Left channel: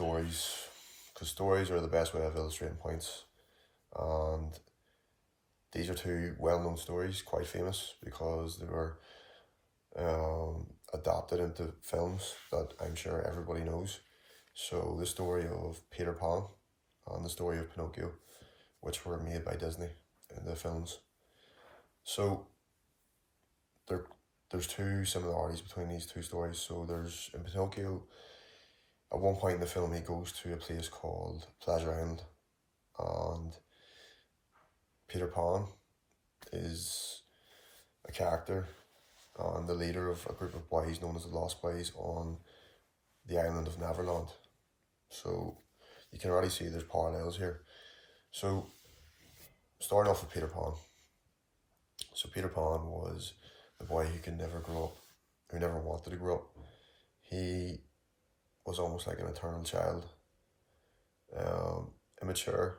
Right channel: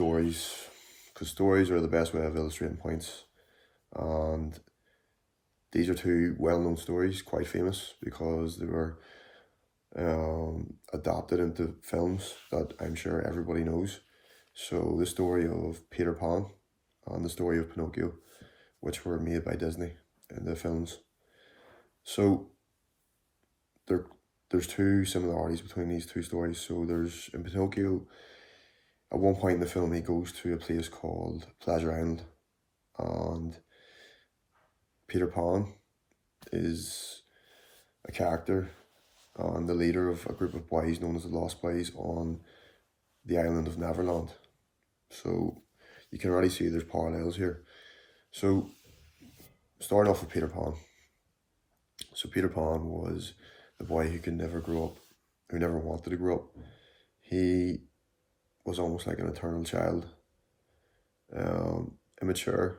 stories, because stories are the best way of illustrating points. And these are two well-known stories, quite famous, because they were adapted into films that I'm sure everybody knows. So the story of Peter Pan and the story of Pinocchio, which were made by Disney in the films. So there's two similarities between these two stories. So there's, in Pinocchio, at one point in the film, he goes to a place called Pleasure Island, and Peter Pan is a character and the leader of a group of boys known as the Lost Boys on the island of Neverland. So you can already see there's parallels here. So starting off with Peter Pan. So Peter Pan was the boy who could never grow up, who never wanted to grow up. He was almost like an eternal child, immature.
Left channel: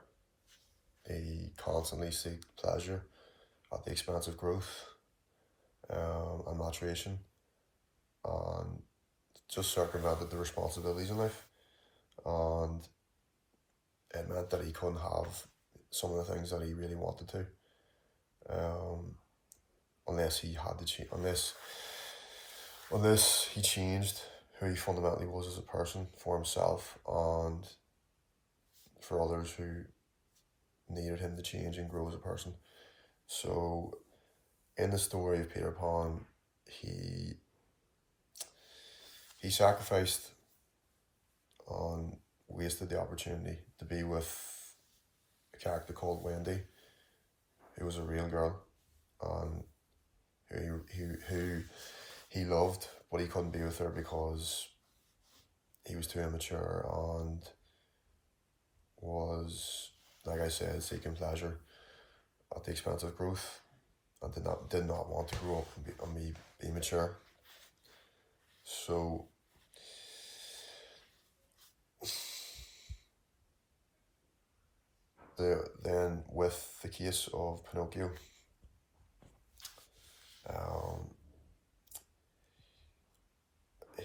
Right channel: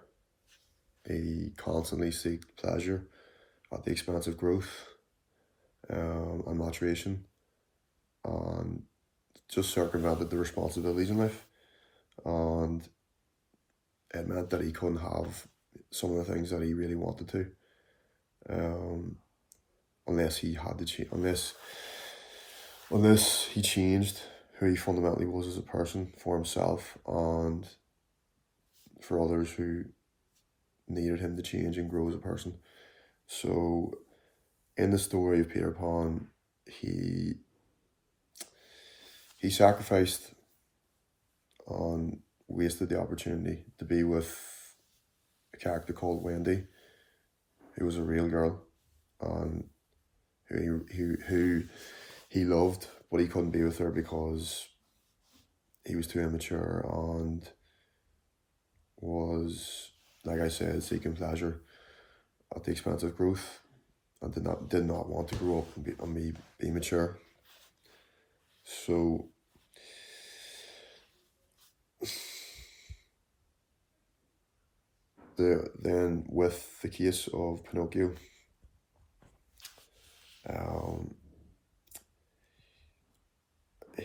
He constantly seeked pleasure at the expense of growth and maturation, and just circumvented the responsibilities in life. And it meant that he couldn't have some of the things that he really wanted to, unless he had to change, unless he changed who he fundamentally was as a person for himself and for others who needed him to change and grow as a person. So in the story of Peter Pan, he sacrificed and wasted the opportunity to be with a character called Wendy, who was a real girl, and who he loved, but he couldn't be with her because he was too immature and was, like I said, seeking pleasure at the expense of growth, and did not want to grow up and be mature. So then with the case of Pinocchio,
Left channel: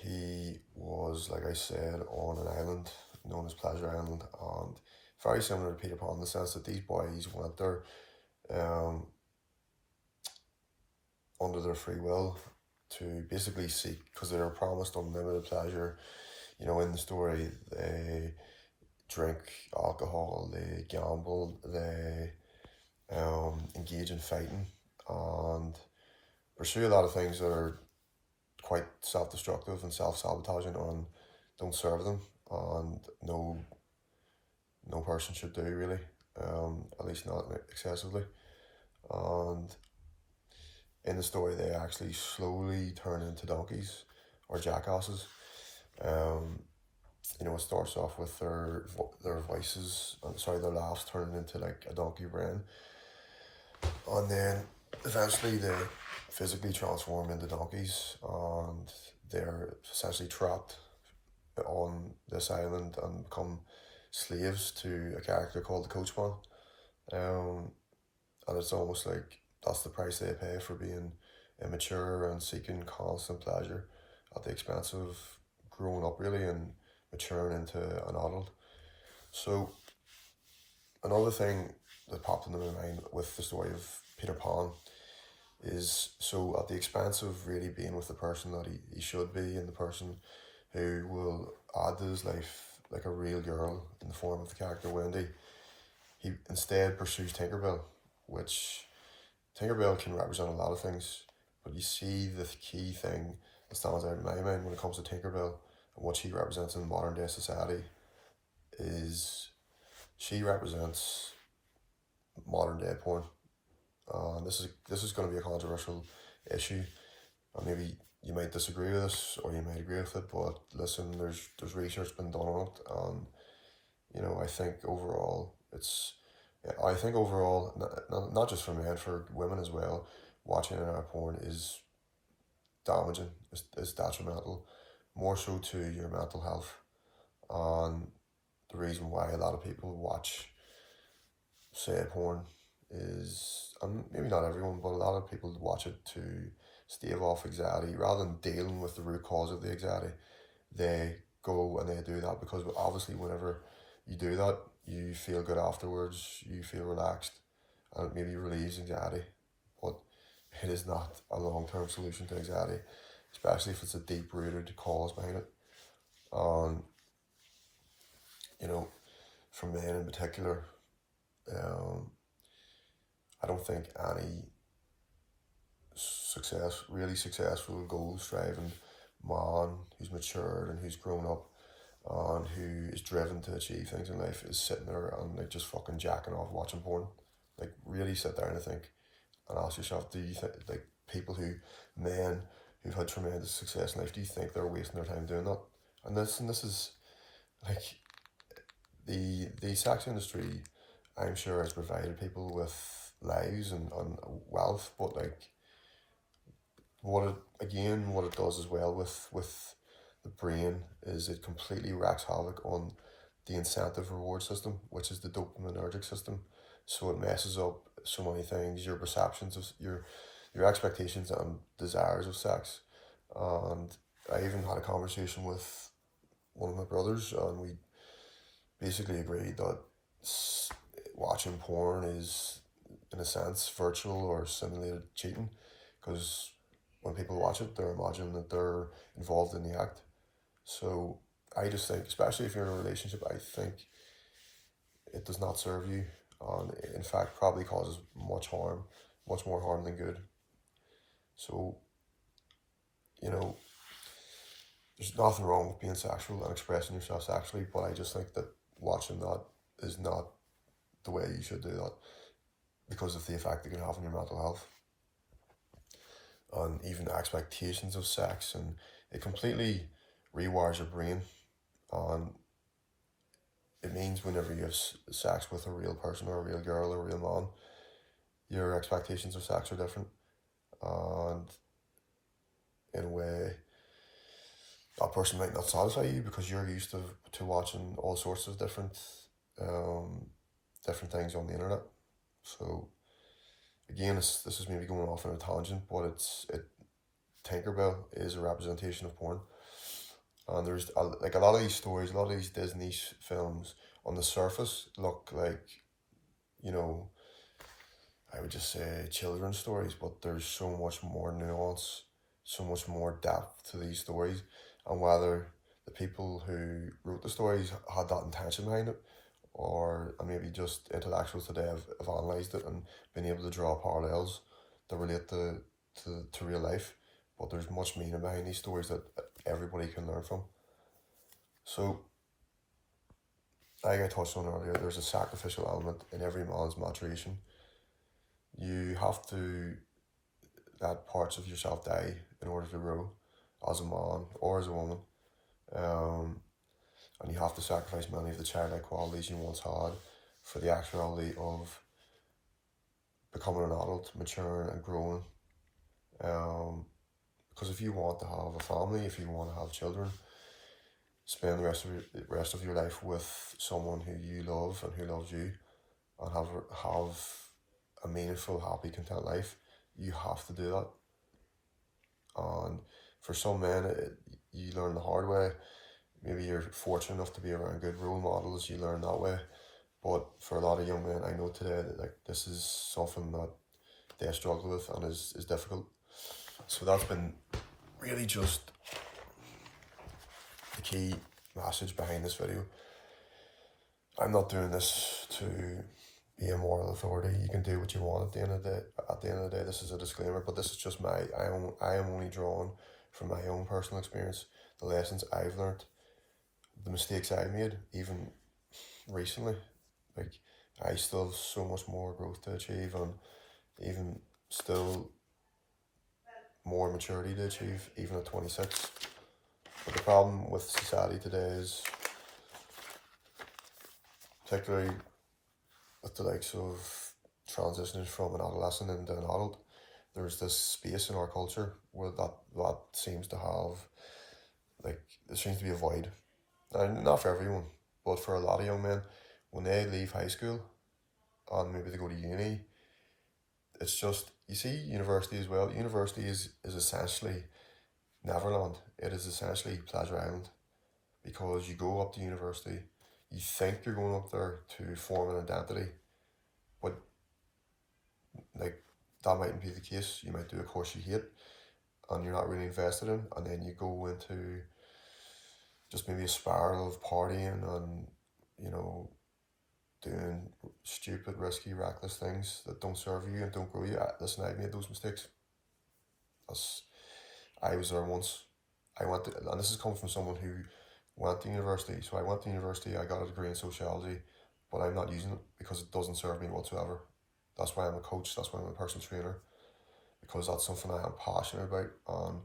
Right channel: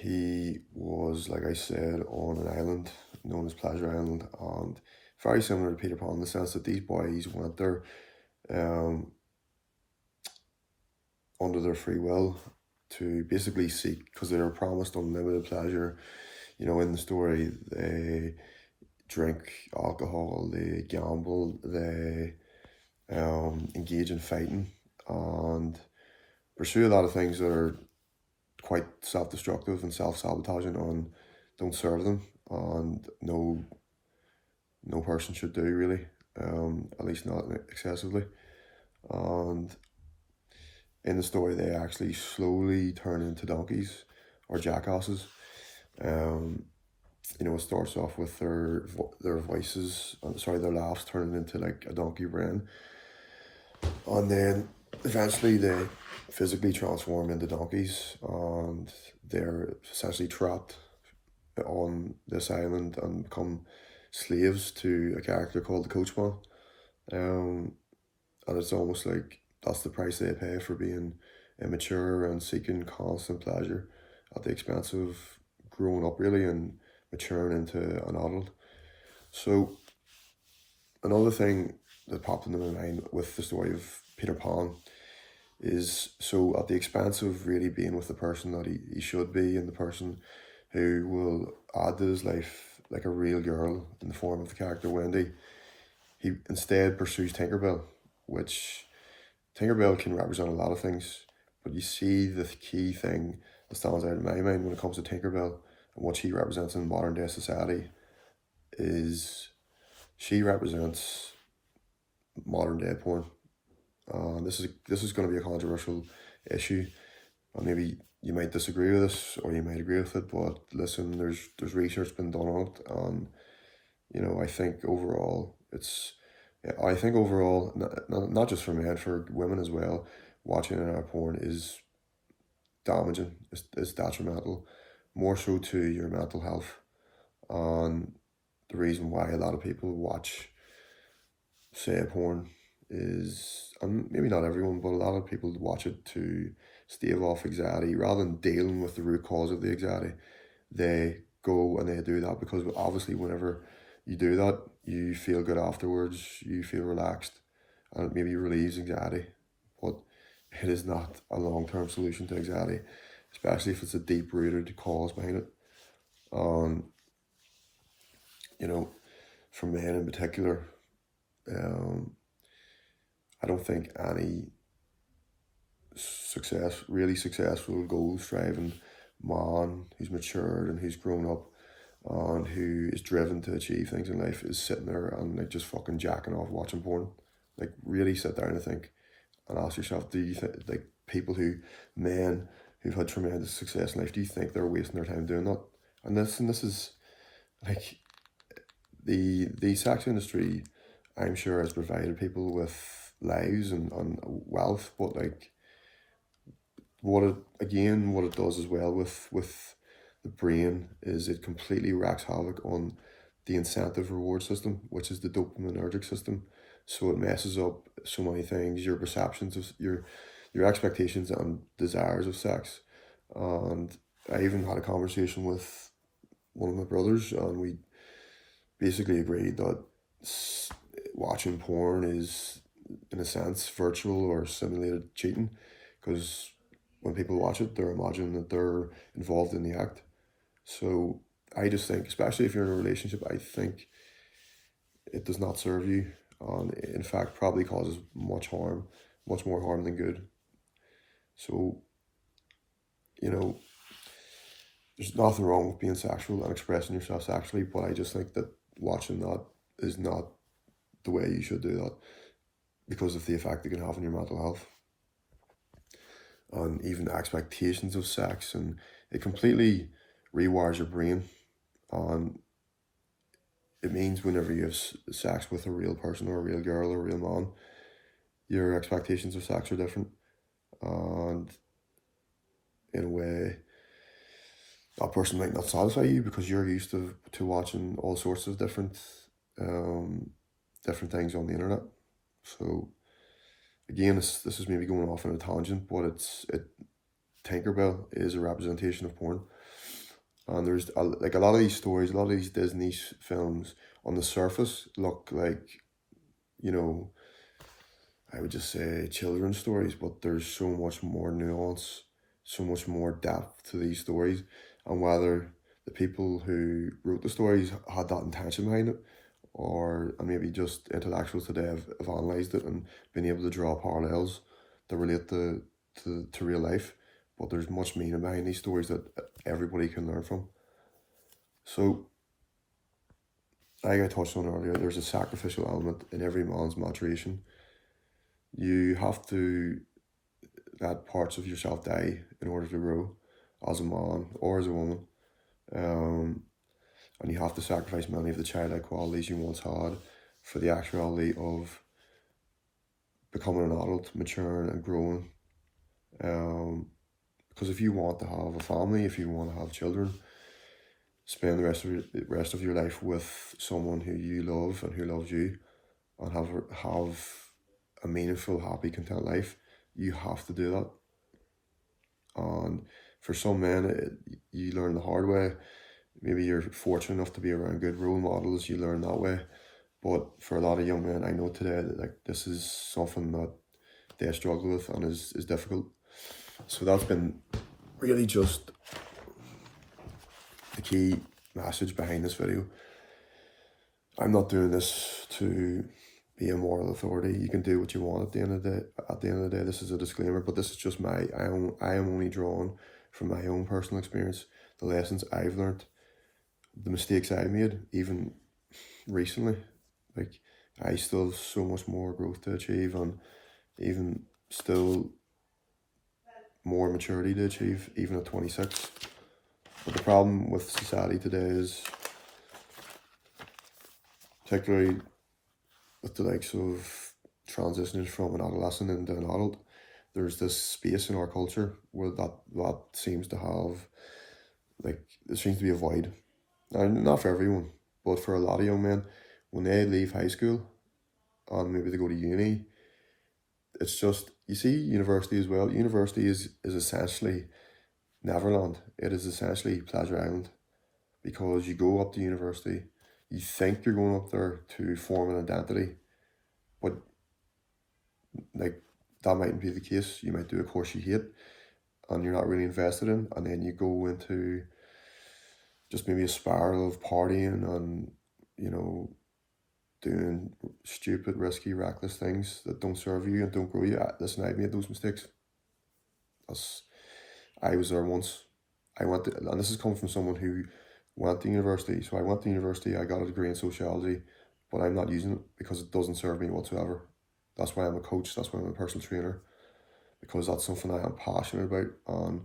he was, like I said, on an island known as Pleasure Island, and very similar to Peter Pan in the sense that these boys went there under their free will to basically seek, because they were promised unlimited pleasure. You know, in the story, they drink alcohol, they gamble, they engage in fighting, and pursue a lot of things that are quite self-destructive and self-sabotaging and don't serve them, and no person should do, really, at least not excessively. And in the story, they actually slowly turn into donkeys or jackasses. You know, it starts off with their voices, their laughs turning into like a donkey brain, and then eventually they physically transform into donkeys, and they're essentially trapped on this island and become slaves to a character called the Coachman. And it's almost like that's the price they pay for being immature and seeking constant pleasure at the expense of growing up, really, and maturing into an adult. So another thing that popped into my mind with the story of Peter Pan is, so at the expense of really being with the person that he should be, and the person who will add to his life like a real girl in the form of the character Wendy, he instead pursues Tinkerbell, which Tinkerbell can represent a lot of things, but you see the key thing that stands out in my mind when it comes to Tinkerbell and what she represents in modern day society is she represents modern day porn. This is going to be a controversial issue, and maybe you might disagree with this or you might agree with it, but listen, there's research been done on it, and you know, I think overall, not just for men, for women as well, watching internet porn is damaging, it's detrimental, more so to your mental health. And the reason why a lot of people watch, say, porn is, and maybe not everyone, but a lot of people watch it to stave off anxiety rather than dealing with the root cause of the anxiety. They go and they do that, because obviously whenever you do that, you feel good afterwards, you feel relaxed, and it maybe relieves anxiety. But it is not a long-term solution to anxiety, especially if it's a deep-rooted cause behind it. You know, for men in particular, I don't think any really successful, goal-striving man who's matured and who's grown up and who is driven to achieve things in life is sitting there and like just fucking jacking off watching porn. Like, really sit down and think and ask yourself, do you think, like, men who've had tremendous success in life, do you think they're wasting their time doing that? And this is like, the sex industry, I'm sure, has provided people with lives and wealth, but like, what it does as well with the brain is it completely wreaks havoc on the incentive reward system, which is the dopaminergic system. So it messes up so many things, your perceptions of your expectations and desires of sex. And I even had a conversation with one of my brothers, and we basically agreed that watching porn is, in a sense, virtual or simulated cheating, because when people watch it, they're imagining that they're involved in the act. So I just think, especially if you're in a relationship, I think it does not serve you, and in fact probably causes much more harm than good. So, you know, there's nothing wrong with being sexual and expressing yourself sexually, but I just think that watching that is not the way you should do that, because of the effect it can have on your mental health and even expectations of sex, and it completely rewires your brain. And it means whenever you have sex with a real person or a real girl or a real man, your expectations of sex are different, and in a way that person might not satisfy you because you're used to watching all sorts of different things on the internet. So again, this is maybe going off on a tangent, but Tinkerbell is a representation of porn. And there's like a lot of these stories, a lot of these Disney films on the surface look like, you know, I would just say children's stories, but there's so much more nuance, so much more depth to these stories. And whether the people who wrote the stories had that intention behind it, or maybe just intellectuals today have analysed it and been able to draw parallels that relate to real life. But there's much meaning behind these stories that everybody can learn from. So, like I touched on earlier, there's a sacrificial element in every man's maturation. You have to let parts of yourself die in order to grow as a man or as a woman. And you have to sacrifice many of the childlike qualities you once had for the actuality of becoming an adult, maturing and growing. Because if you want to have a family, if you want to have children, spend the rest of your life with someone who you love and who loves you, and have a meaningful, happy, content life, you have to do that. And for some men, you learn the hard way. Maybe you're fortunate enough to be around good role models, you learn that way. But for a lot of young men I know today, that like this is something that they struggle with and is difficult. So that's been really just the key message behind this video. I'm not doing this to be a moral authority. You can do what you want at the end of the day. This is a disclaimer, but this is just I am only drawn from my own personal experience, the lessons I've learned, the mistakes I made, even recently. Like, I still have so much more growth to achieve, and even still more maturity to achieve, even at 26. But the problem with society today is, particularly with the likes of transitioning from an adolescent into an adult, there's this space in our culture where that seems to have, like, there seems to be a void. And not for everyone, but for a lot of young men, when they leave high school and maybe they go to uni, it's just, you see, university as well. University is essentially Neverland. It is essentially Pleasure Island, because you go up to university, you think you're going up there to form an identity, but like that mightn't be the case. You might do a course you hate and you're not really invested in, and then you go into just maybe a spiral of partying and, you know, doing stupid, risky, reckless things that don't serve you and don't grow you. Listen, I've made those mistakes. I was there once. And this is coming from someone who went to university. So I went to university, I got a degree in sociology, but I'm not using it because it doesn't serve me whatsoever. That's why I'm a coach, that's why I'm a personal trainer, because that's something I am passionate about and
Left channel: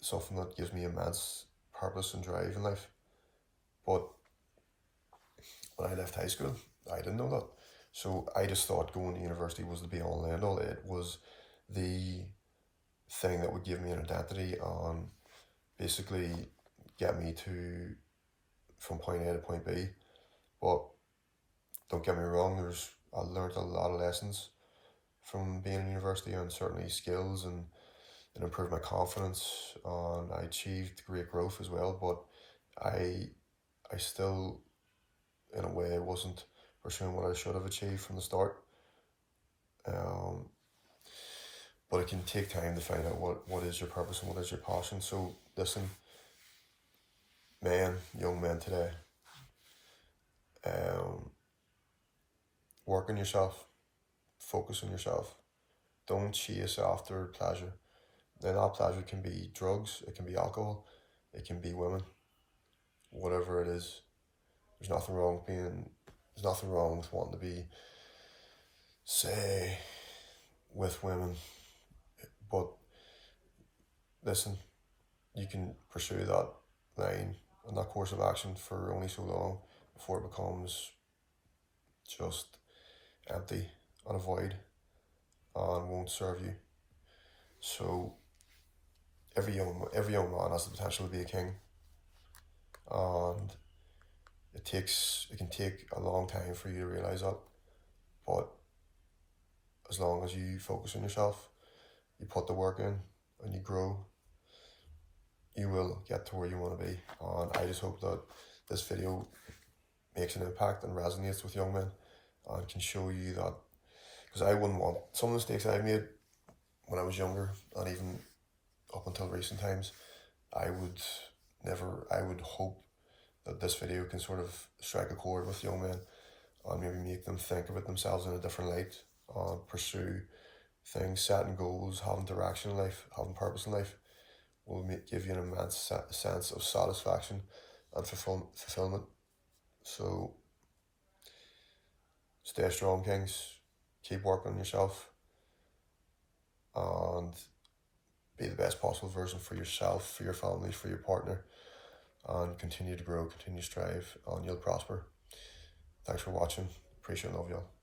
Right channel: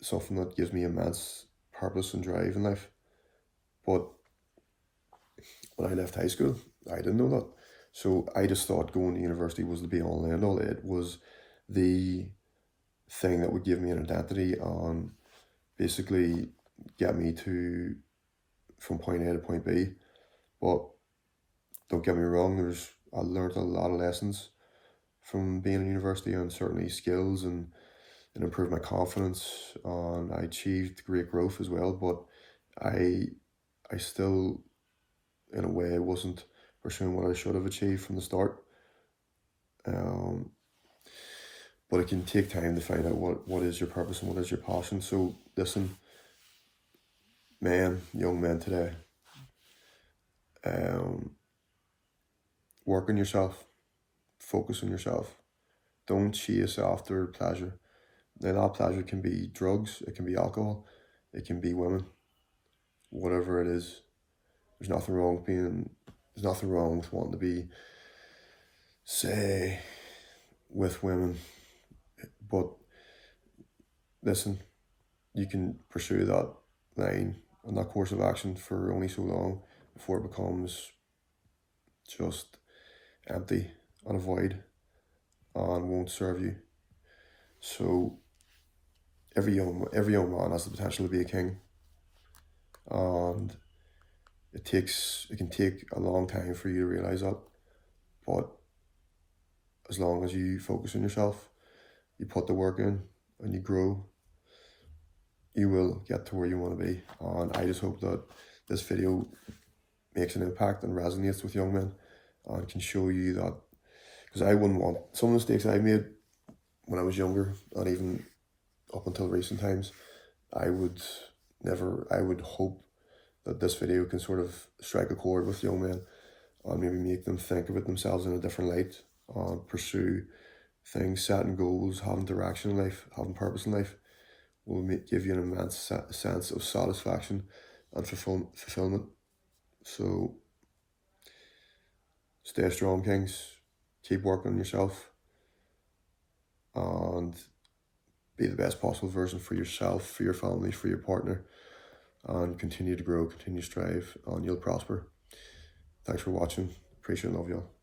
something that gives me immense purpose and drive in life. But when I left high school, I didn't know that. So I just thought going to university was the be all and end all. It was the thing that would give me an identity and basically get me to from point A to point B. But don't get me wrong, I learned a lot of lessons from being in university, and certainly skills, and it improved my confidence, and I achieved great growth as well. But I still, in a way, wasn't pursuing what I should have achieved from the start. But it can take time to find out what is your purpose and what is your passion. So listen, young men today, work on yourself, focus on yourself. Don't chase after pleasure. Now that pleasure can be drugs, it can be alcohol, it can be women, whatever it is. There's nothing wrong with wanting to be, say, with women. But listen, you can pursue that line and that course of action for only so long before it becomes just empty and a void and won't serve you. So every young man has the potential to be a king, and it can take a long time for you to realize that. But as long as you focus on yourself, you put the work in and you grow, you will get to where you want to be. And I just hope that this video makes an impact and resonates with young men and can show you that, because I wouldn't want some of the mistakes I made when I was younger, and even up until recent times. I would hope that this video can sort of strike a chord with young men and maybe make them think about themselves in a different light and pursue things, setting goals, having direction in life, having purpose in life will give you an immense sense of satisfaction and fulfillment. So stay strong, kings. Keep working on yourself and be the best possible version for yourself, for your family, for your partner, and continue to grow, continue to strive, and you'll prosper. Thanks for watching. Appreciate and love you all.